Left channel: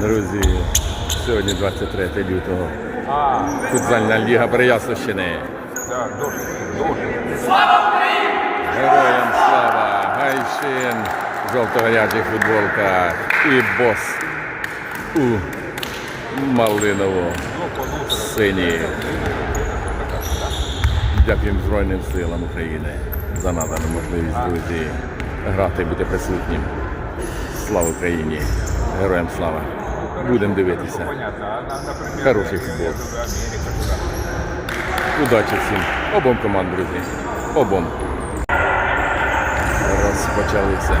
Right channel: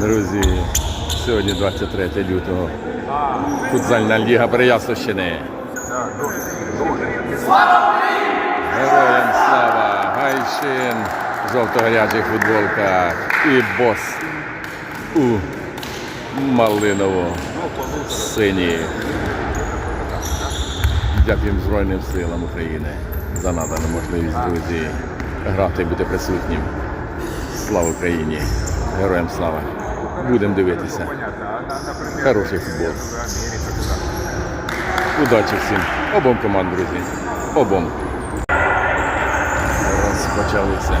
Друзі, сьогодні 23 лютого. Футзальна ліга Переяславщини. Героям слава! Гайшин в жовто-гарячих футболках і бос у малиново синіх. Дякуємо Збройним силам України за надану можливість, друзі, грати і бути присутнім. Слава Україні! Героям слава! Будемо дивитися. Хороший футбол. Удачі всім. Обом команд, друзі. Обом. Розпочалися.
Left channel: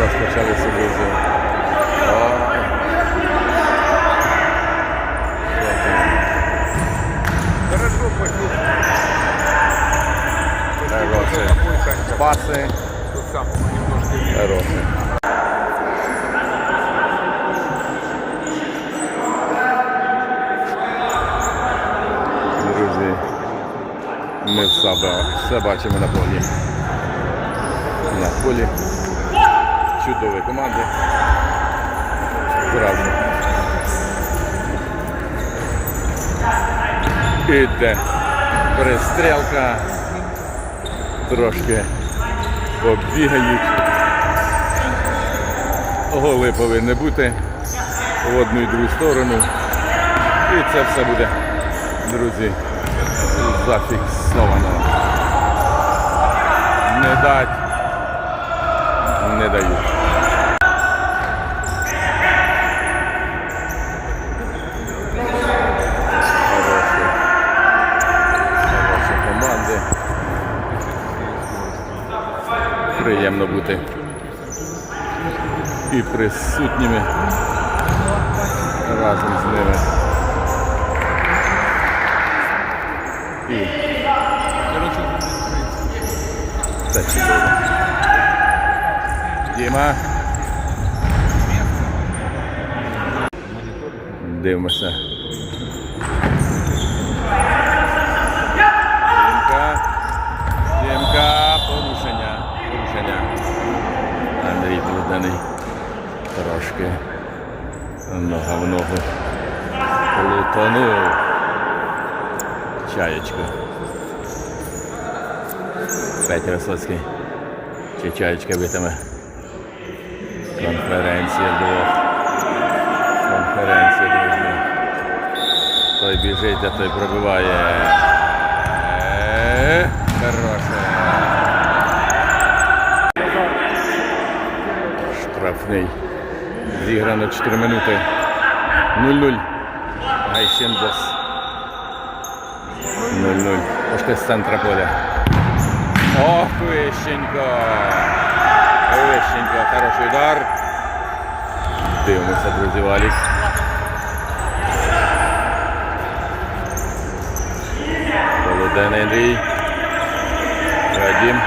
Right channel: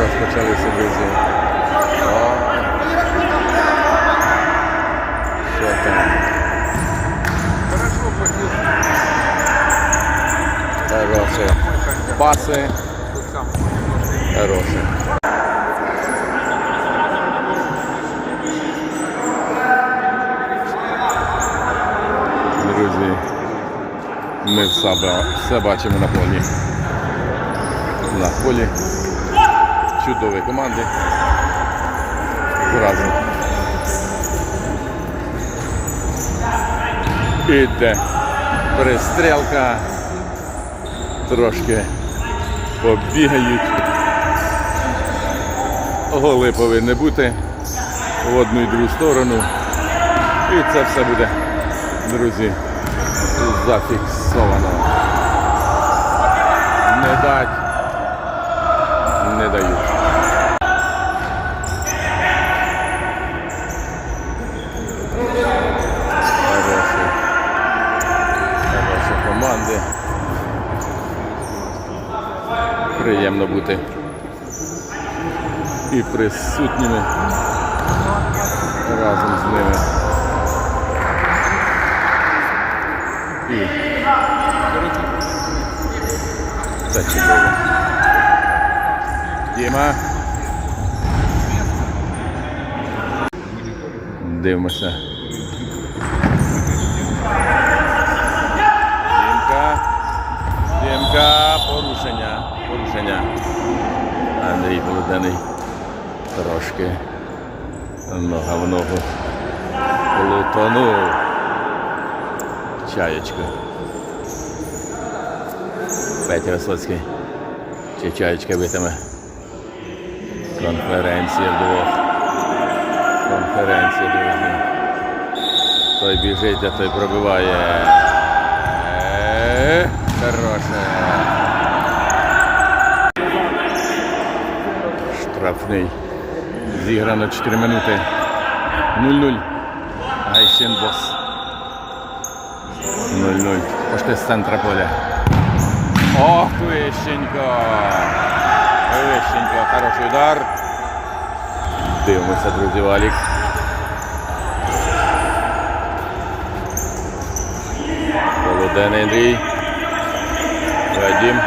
Розпочалися, друзі. О. Що там? Хороше. Паси. Хороше. Друзі, ми все, бачимо на полі. На полі. Чудові команди. Зразу. Іде перестрілка. Трошки побігають. Голи повинні бути в одну і другу сторону. І це все буде, друзі, зафіксовано. Не дать, не дають. Хороші, команди. Приємно бути і присутніми разом з ними. І це чудово. Діма. Дивимося. Дімка. Дімка. Порушення. Порушення. Андрій Володений. Трошки нога в ногу плутанув. Чаєчка. Петя Висоцький. Чи чаєчка битиме. Конференція вдвох. Конференція, друзі. Той біжить, а той пробиває. Е, Хороше. Штрафний. Зіграно 4 минути. 0-0. Гайшин бос. 0-0. Пошти з центра поля. Ох, Вищенько. Вищенько. Хороший удар. Дивимося, друзі, валік. Володений Андрій. Вадим.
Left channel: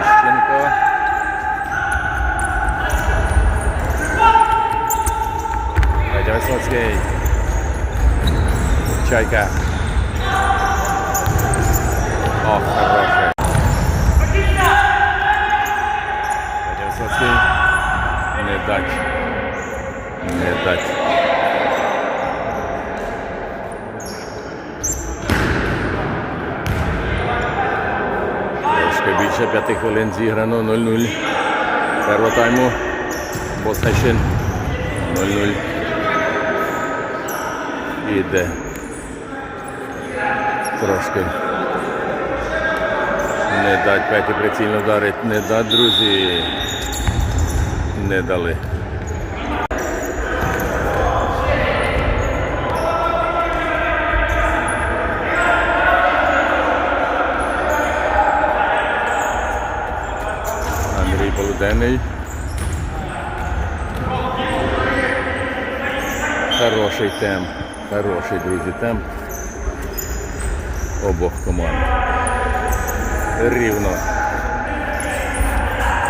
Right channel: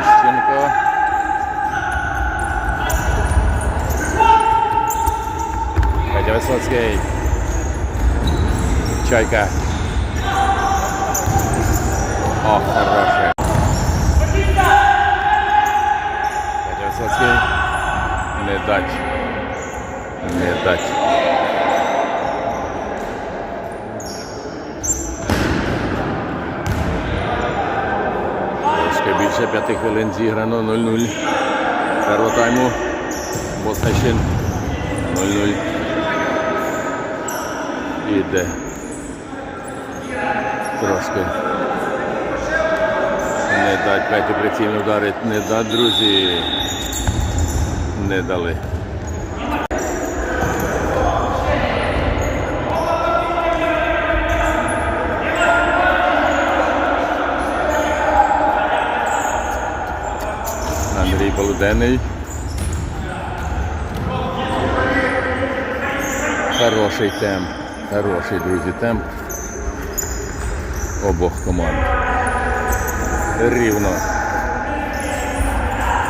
Іщенко. Петя Висоцький. Чайка. О, хороший. Петя Висоцький. Не дать. Не дать. Трошки більше п'яти хвилин зіграно 0-0. Першого тайму. Босхайшин 0-0. Іде. Трошки. Не дать Петі прицільно вдарить. Не дать, друзі. Не дали. Андрій Полуденний. Хороший темп. Хороший, друзі, темп обох команд. Рівно.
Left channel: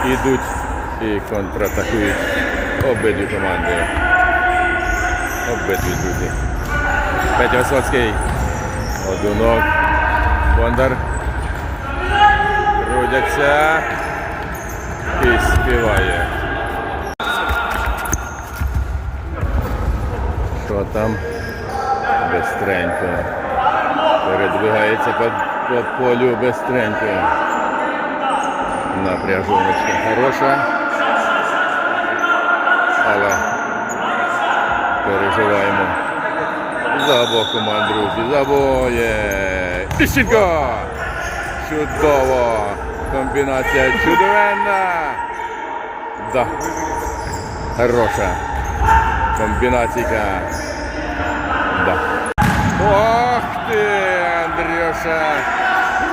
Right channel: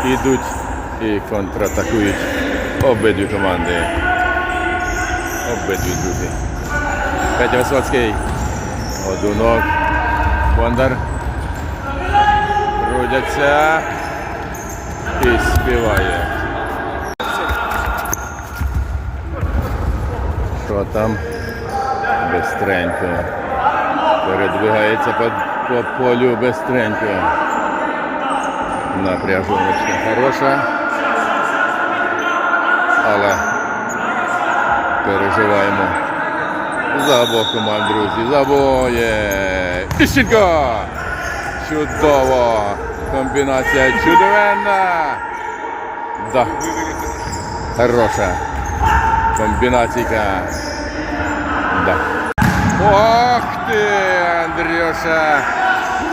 Ідуть і контратакують обидві команди. Обидві, друзі. Петя Висоцький. Одунок. Бондар. Крутяться. І співає. Що там? Бестренько. Передвигається по, по полю бестренько. Напряжуночка хороша. Але переживаємо. За обох команд, друзі. За обоє. Іщенко! Чудово! Комбінація чудовенна! Да. Хороша. Комбінаційка. Да. Ох ти, Андрюша!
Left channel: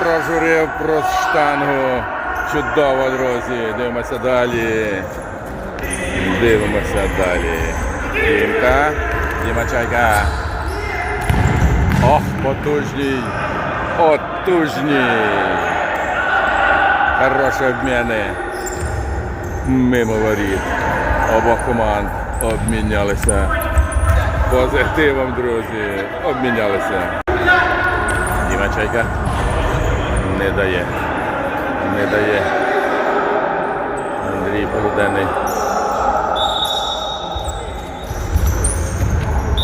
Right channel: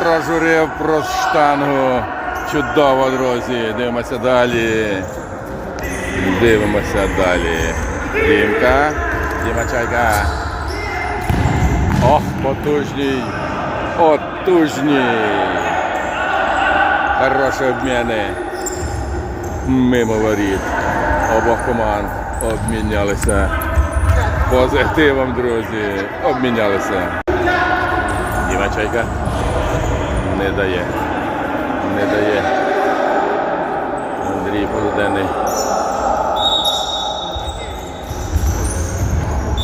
Прожурив про штангу. Чудово, друзі. Дивимося далі. Дивимося далі. Дімка. Діма Чайка. Ох, потужній. Потужній. Хороші обміни. Мимо воріт. Обох команд обмінялися. Позитивом, друзі. Обмінялися. Діма Чайка не дає. Не дає. Андрій Полуденний.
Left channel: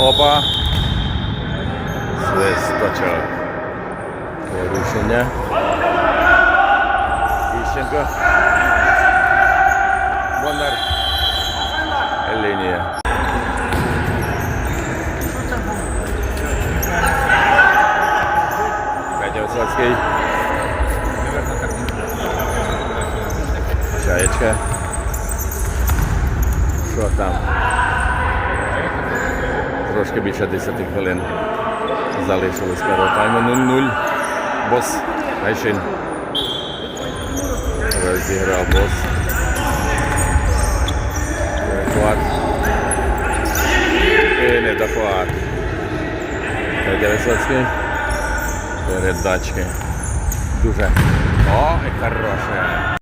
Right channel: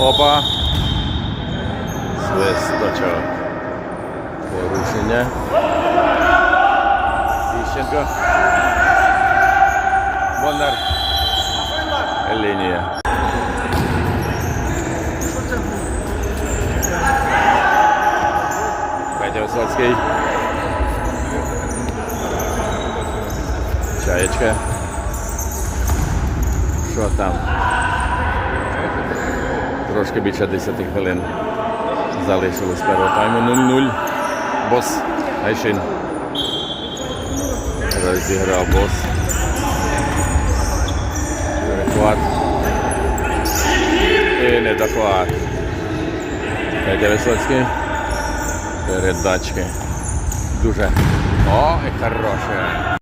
Опа. Свисточок. Порушення. Іщенко. Бондар. Лінія. Петя Висоцький. Чаєчка. Що там? Трошки більше 10 хвилин залишилось першого тайму 0-0. Бос Гайшин. Розіграв бос. Перехват. І недохват. Федя Висоцький. Передачки. Дуже. О, і хороше.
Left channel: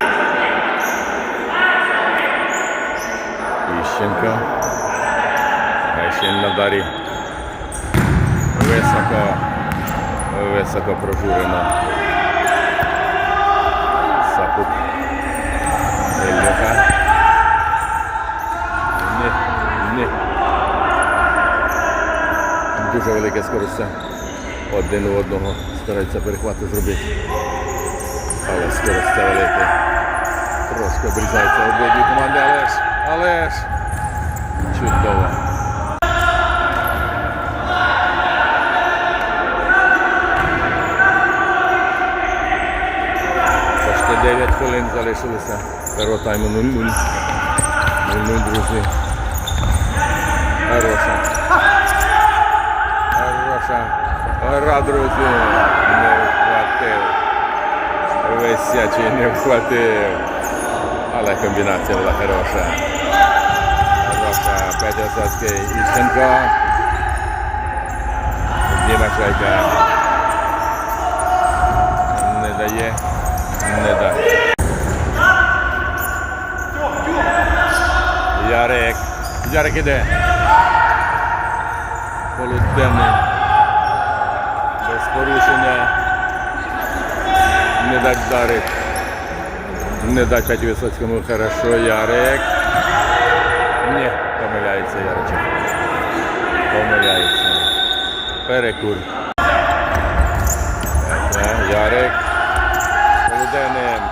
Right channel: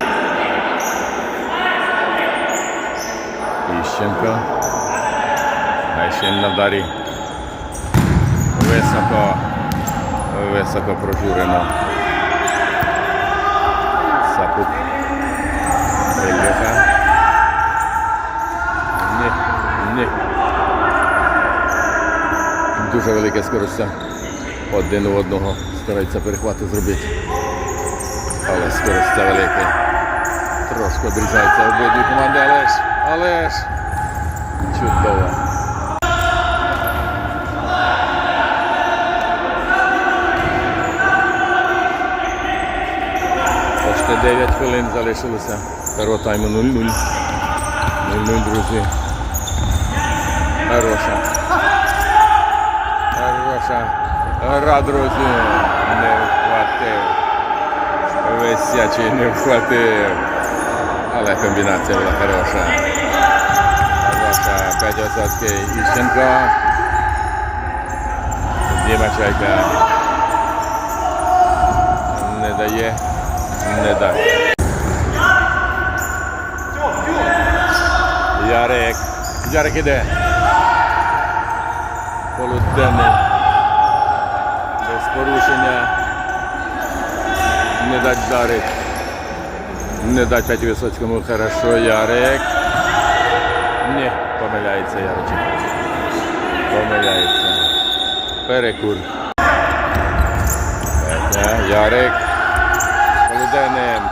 Іщенко. На дарі. Високо. Високо прожурено. Сапук. Ільюха. Ні, ні. Дуже велике скоростя. Один у одного стараються перехвати зробити. Але скоростя велике. Трошки обрізаються обидві команди, але ж, але ж. Чудово. Почти 9 хвилин залишилося. Першого тайму 0-0. 0-0, друзі. Хороша. Хороша. Гра, друзі. Не вхватив. Висячий не вхватив. Але комбінація була хороша. Хороша. Петя. Іщенко. Діма Чайка. Не дає. Не дає. Ярик. Ярик іде. Полуденний. Без порушення. Не дать дарить. Не дать Петі Висоцькому хорошо. Ярик. Ні, помиляється Яричок. Помиляється. Перекур. Ярик. Полуденним.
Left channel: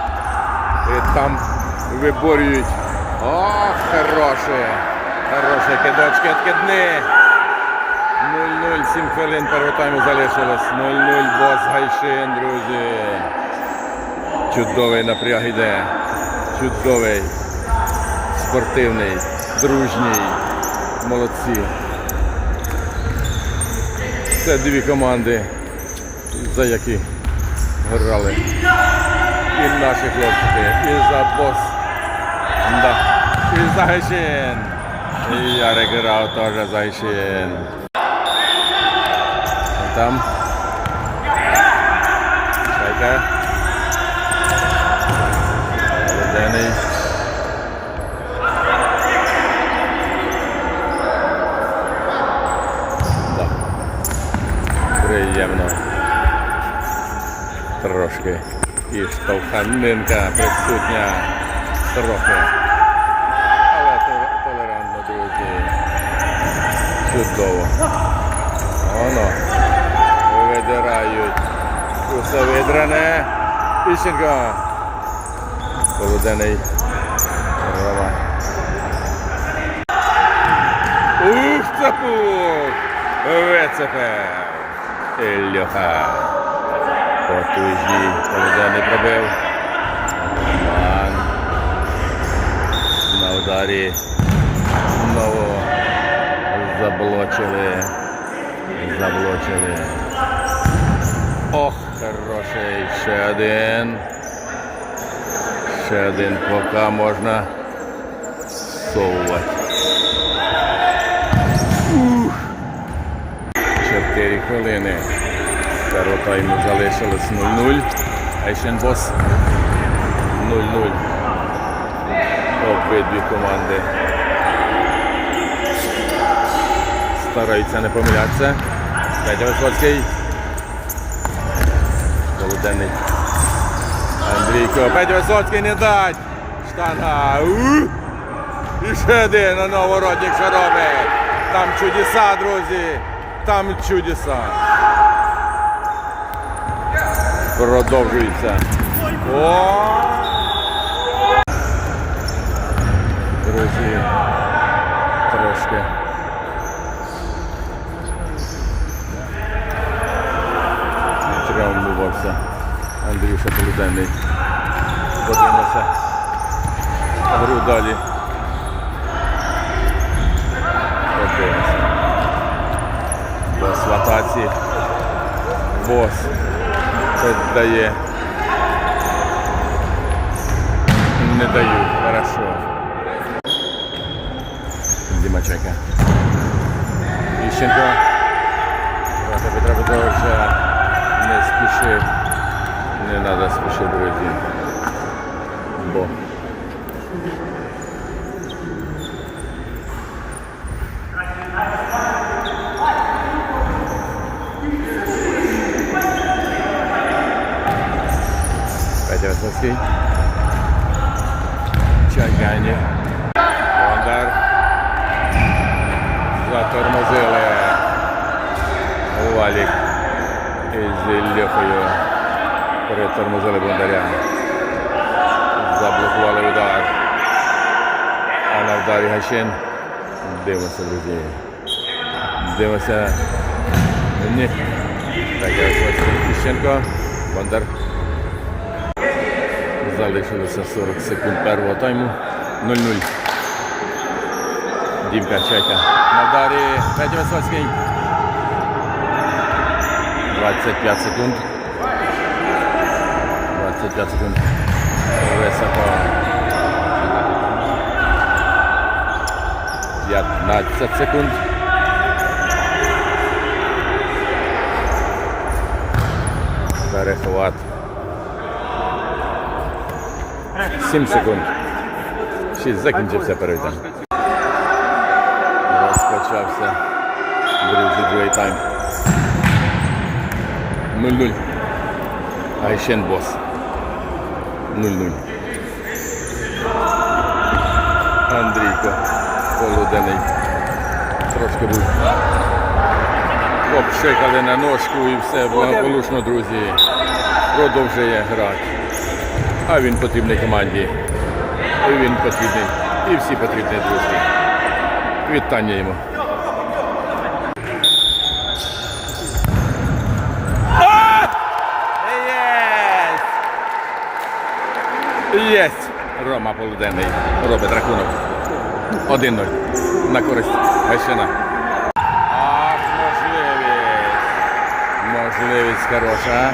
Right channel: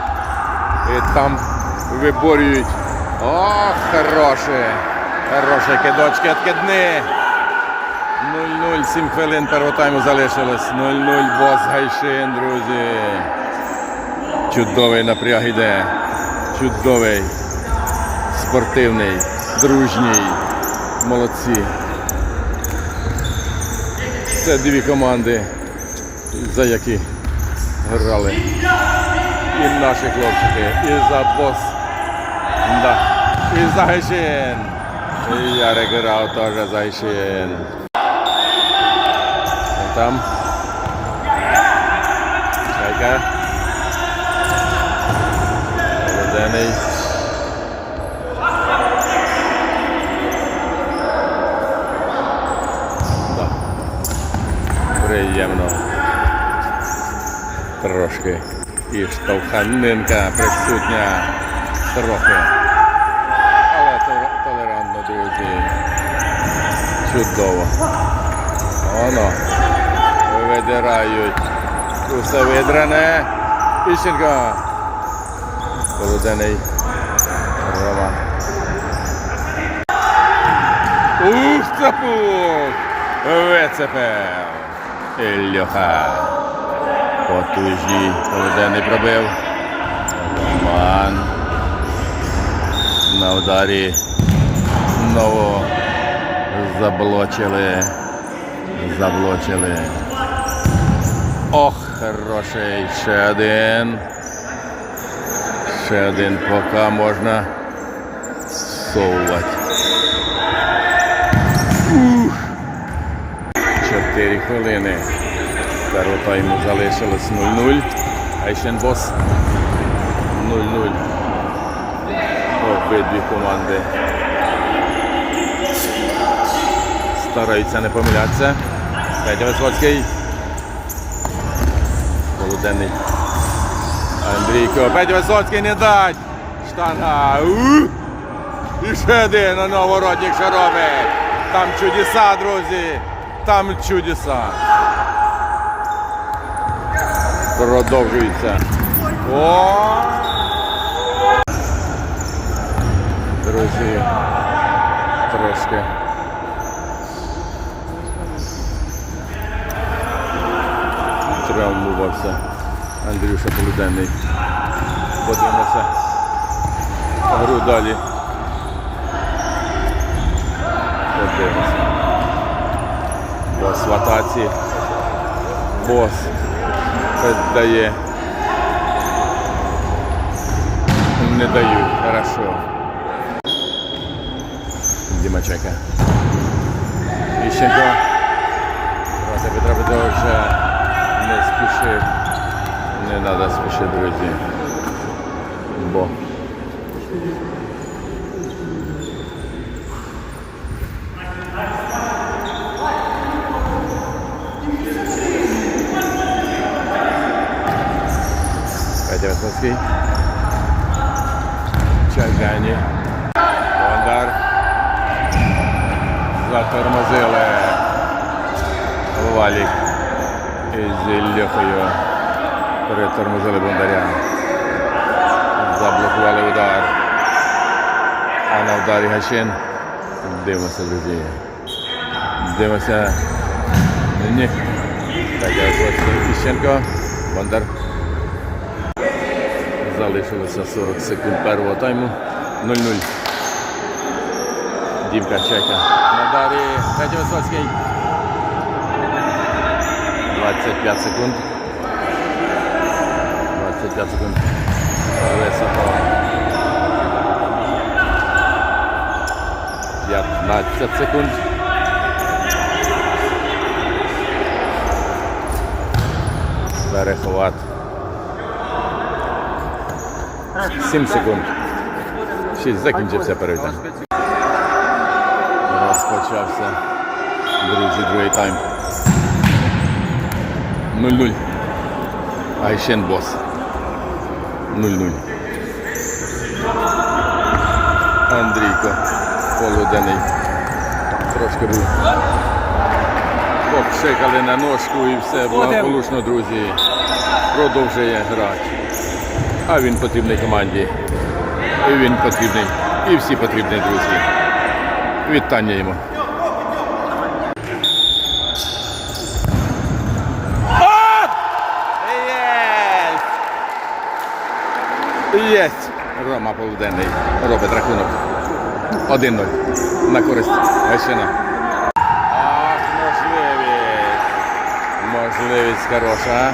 І там виборюють. Ох, хороше. Хороше кидочки, откидни. 0-0, 7 хвилин першого тайму залишилось. 0-0, бос Гайшин, друзі. Чудовий напряг іде. Чудовий. Спортивний, дружній. Молодці. Це дві команди, за які грали. І наші хлопчики, і за бос. Да. І за Гайшин. І Ярик грав теж за Гайшин. А Там. Чайка. Володений. Да. Приємно. Трошки. І штовханинка присутня трохи. Але толерантно, друзі. Чудово. Воно. Видирають. Усе видране. Іщенко. Полуденний. Рома. Ух, цапук! Вицепив. Ільюха. Потужній. Полуденний пробив. Роман. На ударі. Знову заблочили. Заблочили. Ох, хороший. Ще один. Ще один поки можна совувати. Чотири хвилини. Першого тайму залишилось 0-0. Айшенбос 0-0. Обидві команди стараються не помилятися. Петя Висоцький. Полуденний. Андрійко. Петя Висоцький не дать. Штанга. У! І ще один на новородник що робить. Там чудеса, друзі. Там чудеса. Продовжується. О! Друзі, трошки. Травмувався Андрюша Полуденний. Подивимося. Гру далі. Подивимося. Бос в атаці. Бос дає. Не дають. Хорошо. Дімачека. Іщенко. Петра Петровича не спішив. Не треба спішити, друзі. Бо Петя Висоцький. Чайгані. Бондар. Затормозили. Валік із Іллєхою. Перетормозили Бондаря. Заблокували удар. А на ударі Гащин. Дивимося, друзі. Дивимося. Ні. Петя Висоцький. Іщенко. Бондар. Залишилося 40 секунд першого тайму. 0-0. Дімка Чека. На дарі Петя Висоцький. 25 секунд. 25 секунд. Високо. 15 секунд. Перехват. 7 секунд. 6 закінчився перегляд. Розпочався. Друзі, другий тайм. 0-0. Айшен бос. 0-0. Андрійко. Полуденний. Трошки був. Попшикали на ножку і все благополучно, друзі. Продовжує грати. А він потрібний команді. І він потрібний. І всі потрібні, друзі. Вітання йому. Єсть! Рома Полуденний робить рахунок. 1-0 на користь Гайшина. Ах, можливість. Можливість хороша.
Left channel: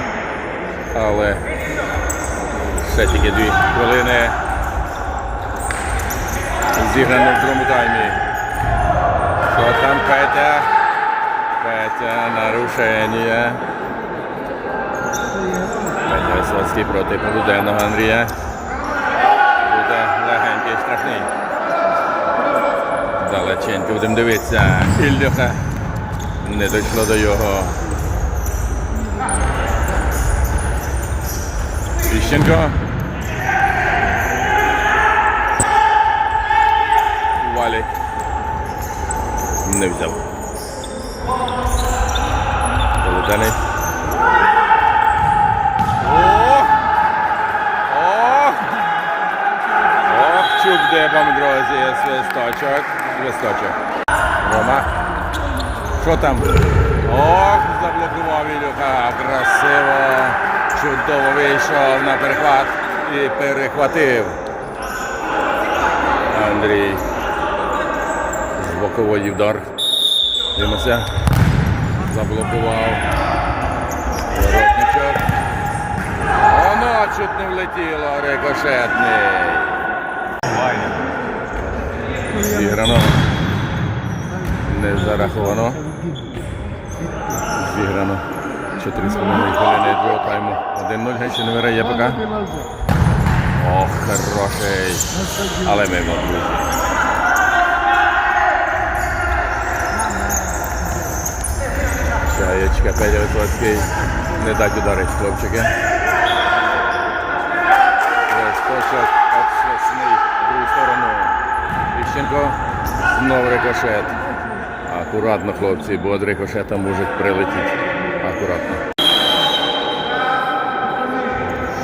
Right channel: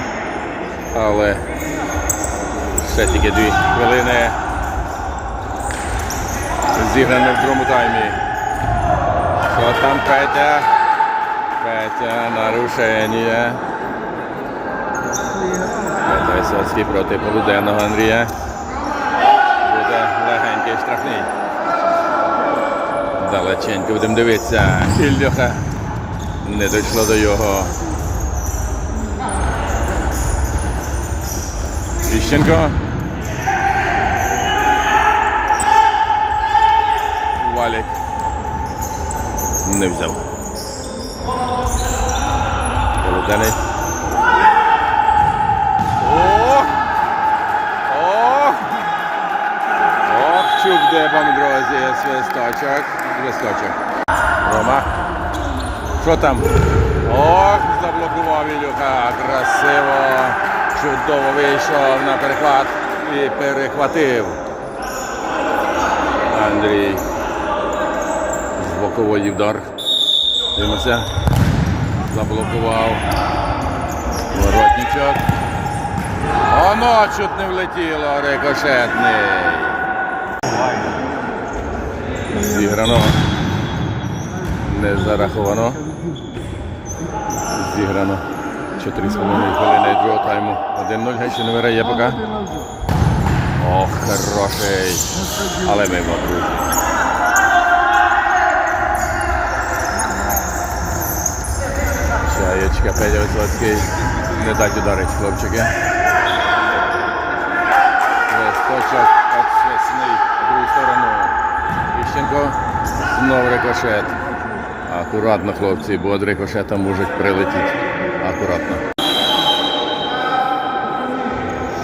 Але ще тільки дві хвилини. Зіграно в другому таймі. Що там Петя? Петя, нарушення. Петя Висоцький проти полуденного Андрія який штрафний. Далеченько будемо дивитися. Ільоха не дійшло до його. Іщенко. Валік. Не взяв. Полуденець. Чуб дебом, друзі, свисточок. Свисточок. Рома. Що там? Ох, заблокував Ілюха. Красиво. Чудово вийшов на перехват і перехватив. Андрій. З бокової вдар. Дивимося. Заблокував. Воротничок. Оно чуть не влетіло, рикошетний. Зіграно. Не зараховано. Зіграно. 4,5 хвилини другого тайму. 1-0 Гайче не виграє поки. Ох, хороший. Але мимо, друзі. Чаєчка, Петя Висоцький. Не дать ударить, хлопчики. Листочок обсвісний в другу сторону. Іщенко. Знов рикошет. Акуратно, хлопці, бо від рикошета можуть прилетіти. Акуратно.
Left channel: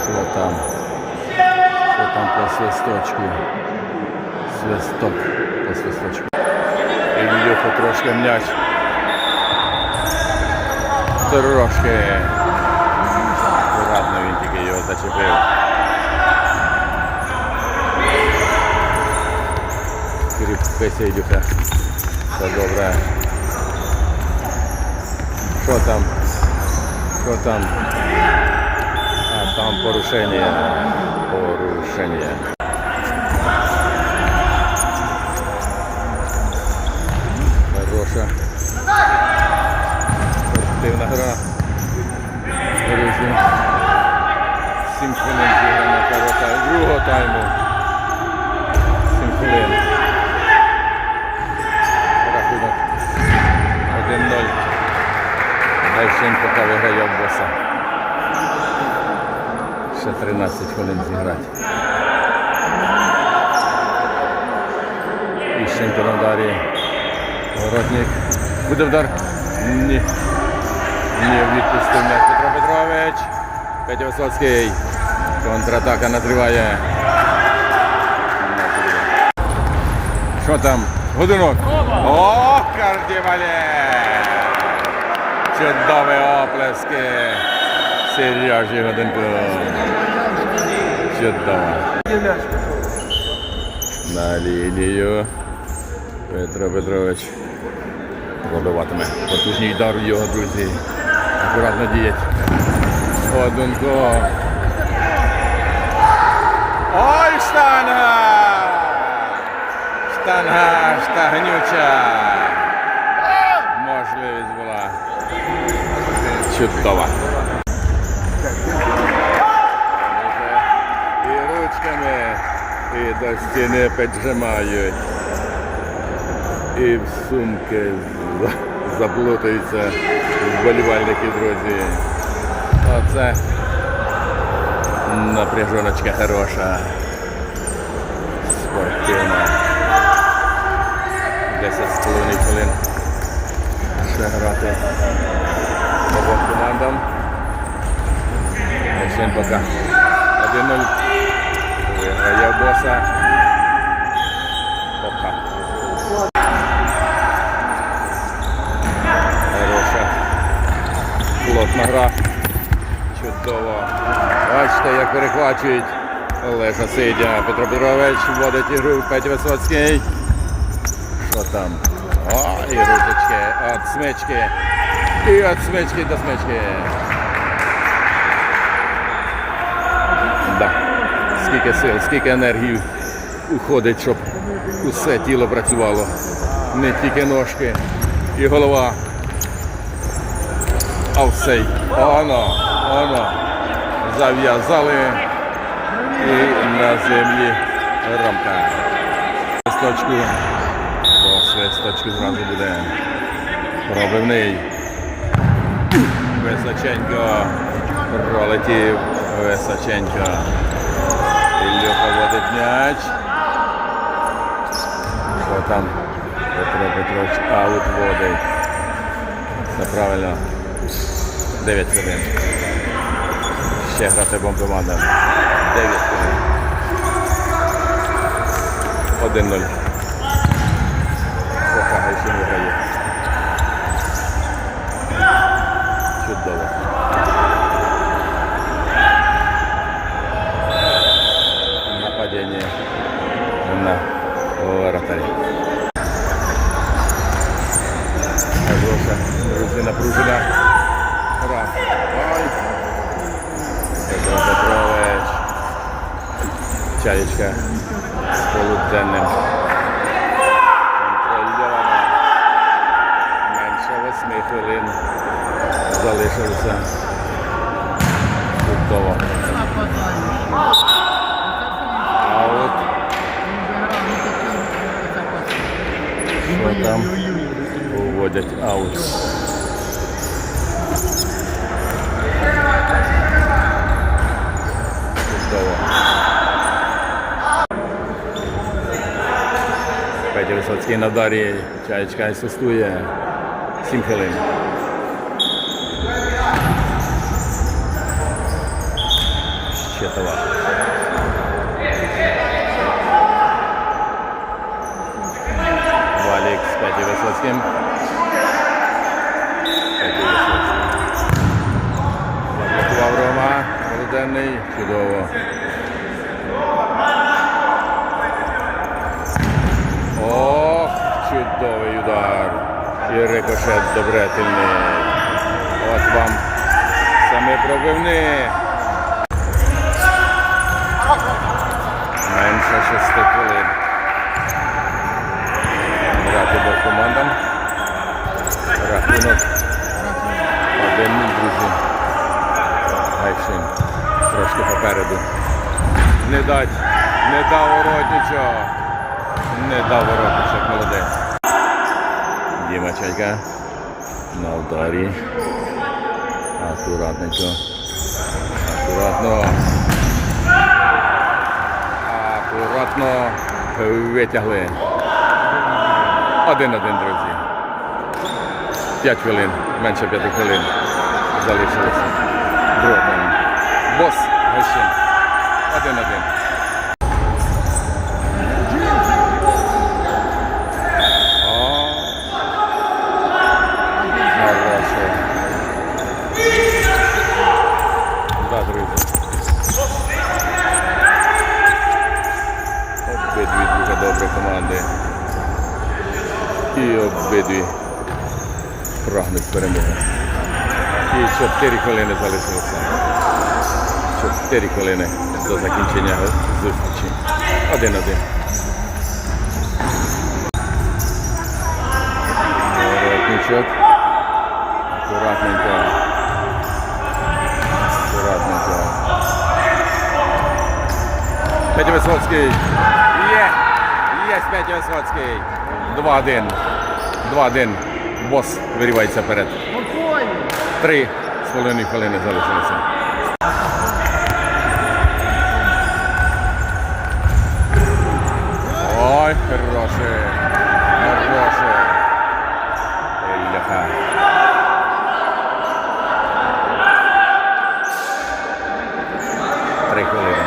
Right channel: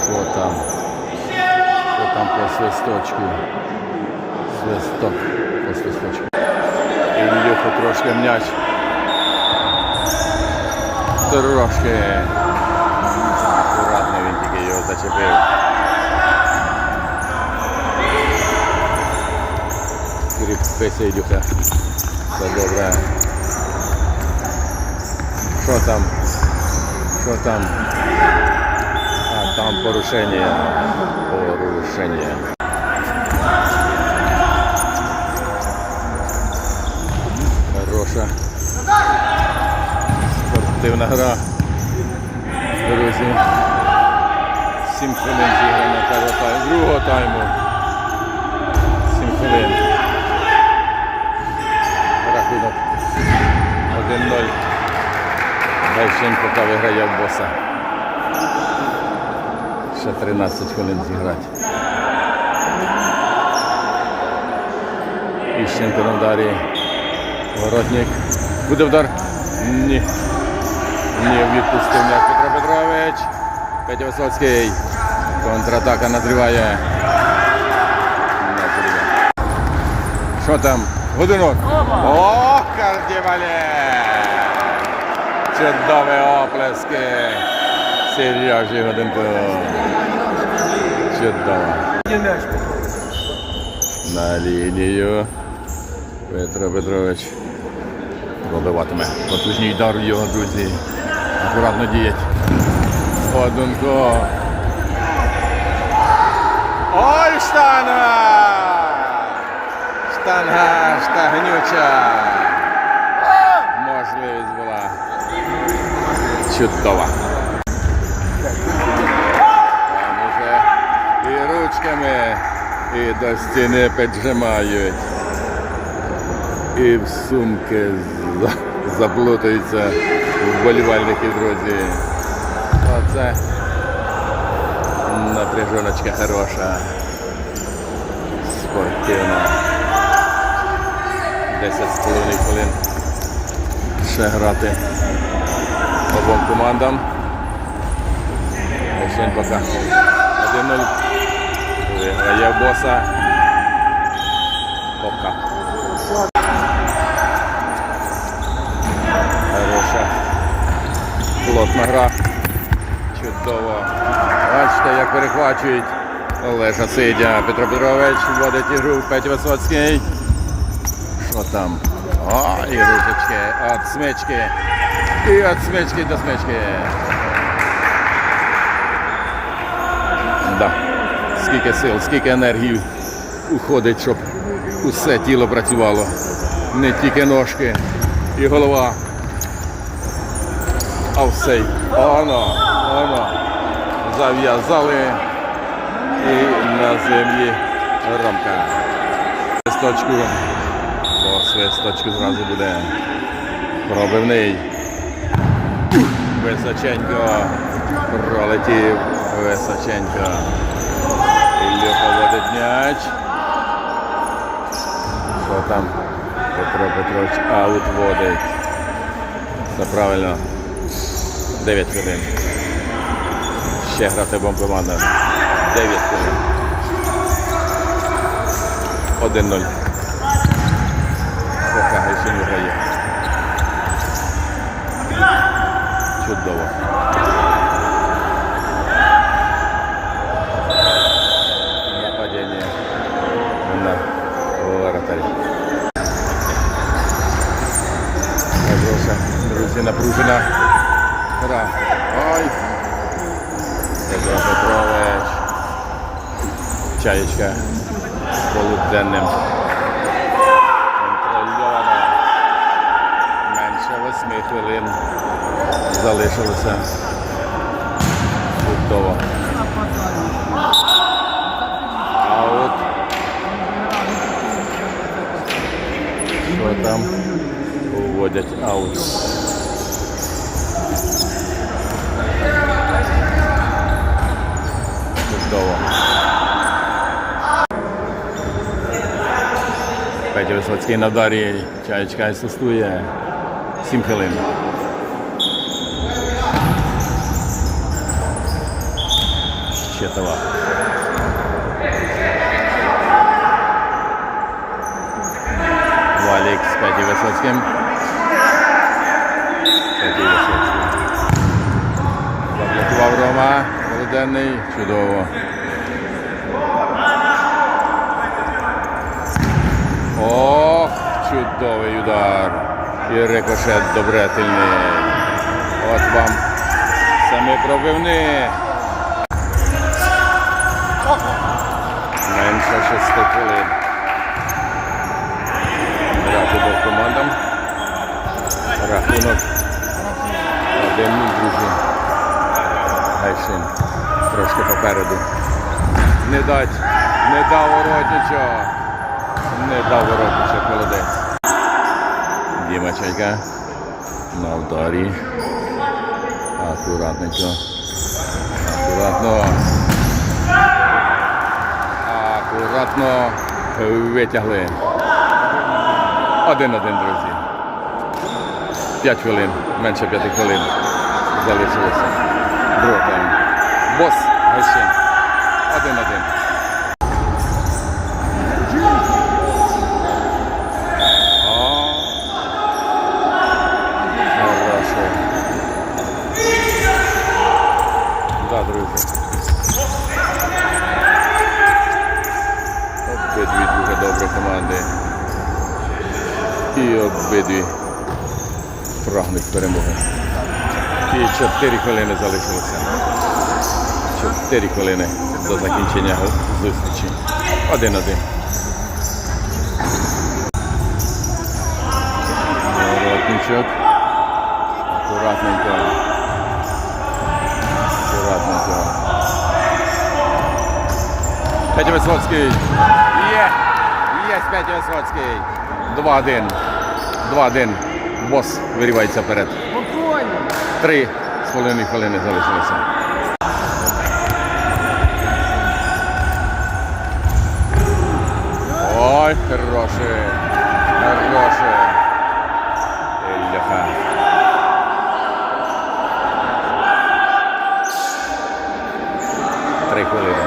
Що там? Що там по свисточку? Свисток по свисточку. Ілюху трошки м'яч. Трошки. Акуратно він тільки його зачепив. Кріпиться Ілюха. Все добре. Що там? Що там? А там порушення. Порушення. Хороша. Спортивна гра. Друзі. Сім хвилин зіграно першого. Другого тайму. Сім хвилин. Рахунок 1-0. Дайченко поки виграє в боса. Ще 13 хвилин зіграти. Іщенко на ударі. Воротник. Буде вдар? Ні. Ні, відпустив м'яч Петро Петрович. Петя Висоцький. Контратака назріває. М'яч. Що там? Годинок. О, кардівалє! Чудові оплески. Сережі Годинку. Чудово. На лінію. Петро Петрович пробиватиме. Потужний удар його, друзі. Акуратно діять. Годунко. Ой, штанга! Штанга, штагнюча. Можливість була чудова. Там уже і ручками, і до стіни піджимають. І в сумки за- заплутаються вболівальники, друзі. Оце напряжоночка хороша. Спортивна. 10 з половиною хвилин. Ще грати обом командам. Ще поки 1-0. Виграє боса. Пока. Хороша. Плотна гра. Чудово. Бачите, як перехвачують. Олеша Сидя. Петро Петрович вводить ігру. Петя Висоцький. Що там? О, і ручечки. От смички. І от смички до смички. Да. Скільки сил, скільки енергії уходить, щоб усе тіло працювало. Не тільки ножки і голова. А все. Оно, оно. Зав'язали і на землі рамка. Свисточку. По свисточку зразу буде пробивний. Височенько. Пролетів Височенько. Ілюха водить м'яч. Що там? Петро Петрович аут водить. Все правильно. 9 хвилин. Ще грати обом командам. 9 хвилин. 1-0. Поки Гайсин виграє. Чудово. Нападение на воротарі. Хороша, друзі, напружена. Гра. Ой. Петро Петрович. Чаєчка з полуденним. Контрольовано. Менше восьми хвилин залишилося. Чудово. Аут. Що там? Уводять аут. Чудово. Петя Висоцький на вдарі. Чаєчка асистує. 7 хвилин. Щетова. Валік з Петю Висоцьким. Петю Висоцький. Заблокував. Чудово. Ох, чудовий удар. І рикошет добретельний. От вам саме пробивни. Менше шести хвилин. Грати двох командам. Рахунок. Один, друзі. Гайшин. Трошки попереду. Не дать, не дав воротничок. Не дав воротничок, молодець. Діма Чайка. На ударі. Акуратненько. Акуратно. Акуратно витягли. Один-один, друзі. П'ять хвилин, менше п'яти хвилин залишилося. Другий тайм. Бос Гайшин. Один-один. О, Хороше. Да, друзі. Обидві дуже добрі команди. І обидві прагнуть перемоги. І 4 хвилини залишилося. 4 хвилини до закінчення зустрічі. Один-один. Воротничок. Акуратненько. Акуратненько. Петя Висоцький. Є! Є Петя Висоцький. 2-1. 2-1. Бос вирівається вперед. Три з половиною хвилини залишилося. Ой, хороше. Хороше. Ельха. Три хвилини.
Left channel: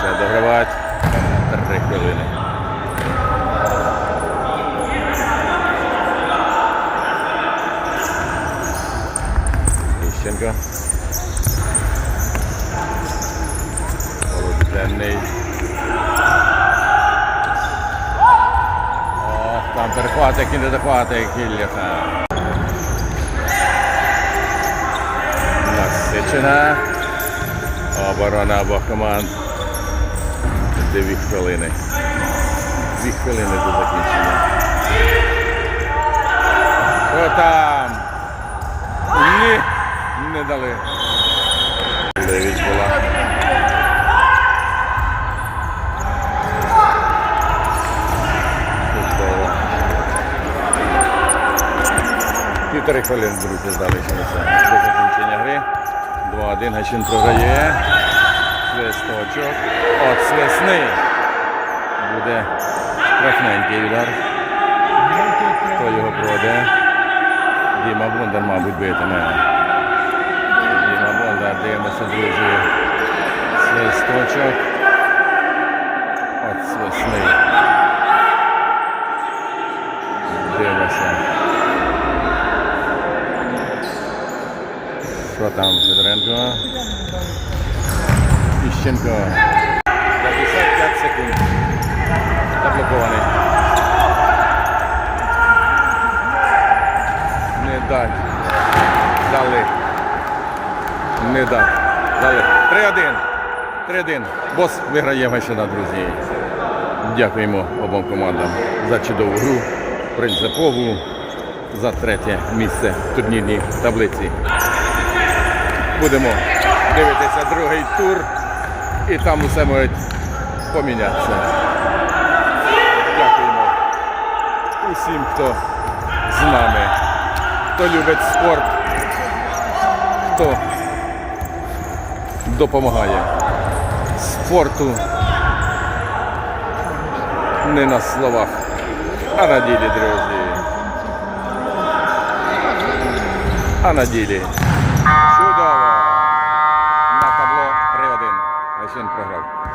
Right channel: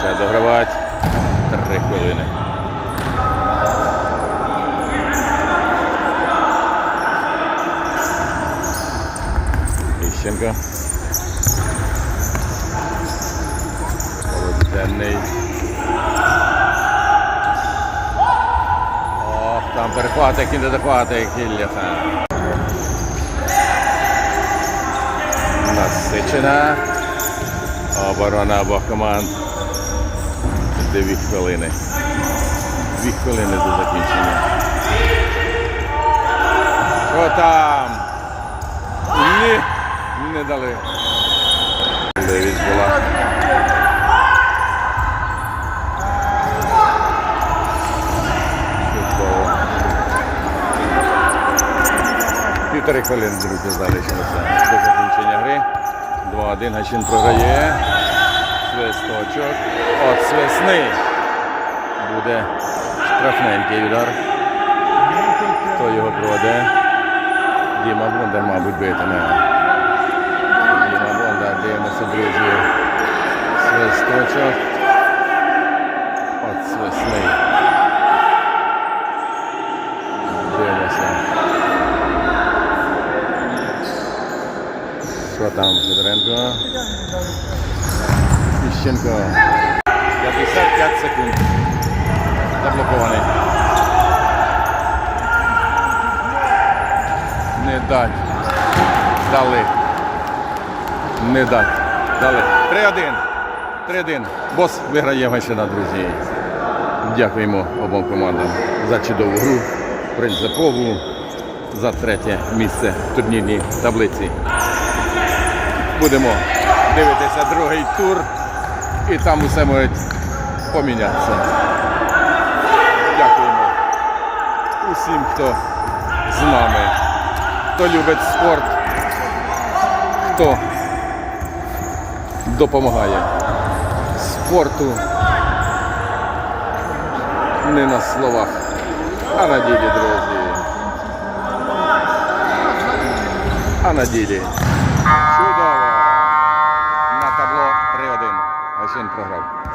Ще догравати. Три хвилини. Ющенко. Володенний. Ох, там перехватик і не дохватик Ілляха. Насичена. Оборона обох команд. Дві хвилини. Дві хвилини до закінчення. Що там? Ні, не дали. Дев'ять була. Чудово. Півтори хвилини, друзі, залишилося до закінчення гри. 2-1 Гачин програє. Свисточок. От свисни. Буде штрафненький удар. Хто його проведе? Діма Бондар, мабуть, битиме. Бондар, дивимося, друзі. Свисточок. От свисний. Дивимося. Що там, Федоренко? Іщенко. 55 секунд. Заблокований. Не дать. Дали. Не дать. Дали. 3-1. 3-1. Бос виграє Гайшина, друзі. Дякуємо обом командам за чудову гру, принципову, за третє місце в турнірній таблиці. Будемо дивитися другий тур і там усе може помінятися. Дякуємо усім, хто з нами, хто любить спорт, хто допомагає спорту не на словах, а на ділі, друзі. А на ділі. Чудово! На табло 3-1. Гайшин програв.